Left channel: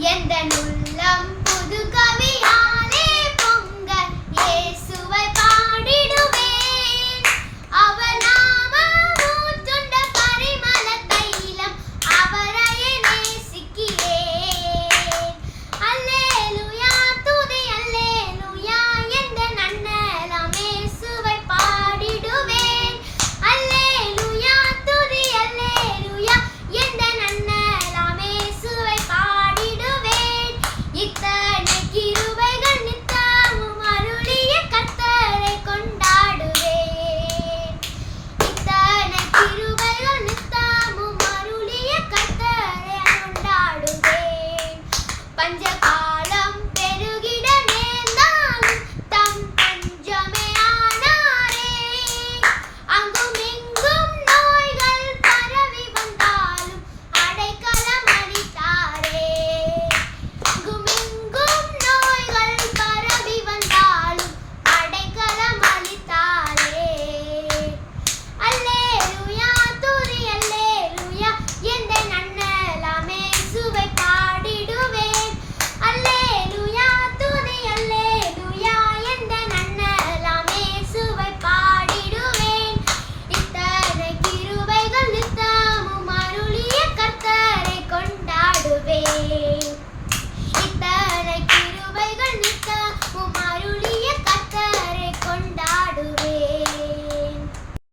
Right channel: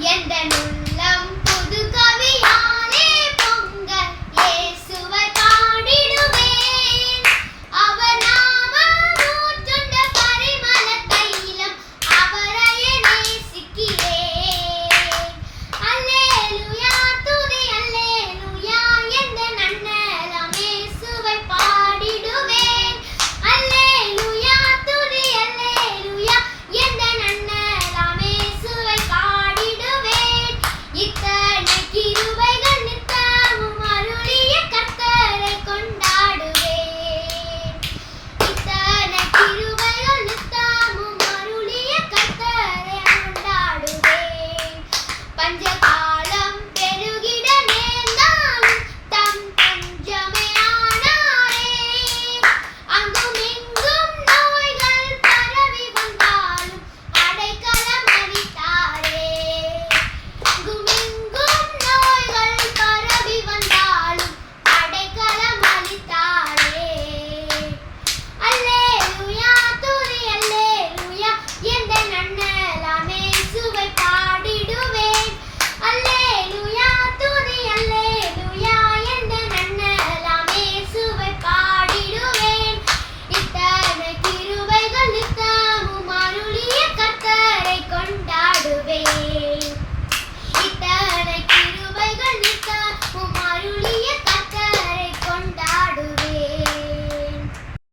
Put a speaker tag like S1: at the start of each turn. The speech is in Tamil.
S1: எந்த உள்ளம் புது ฉันจะต่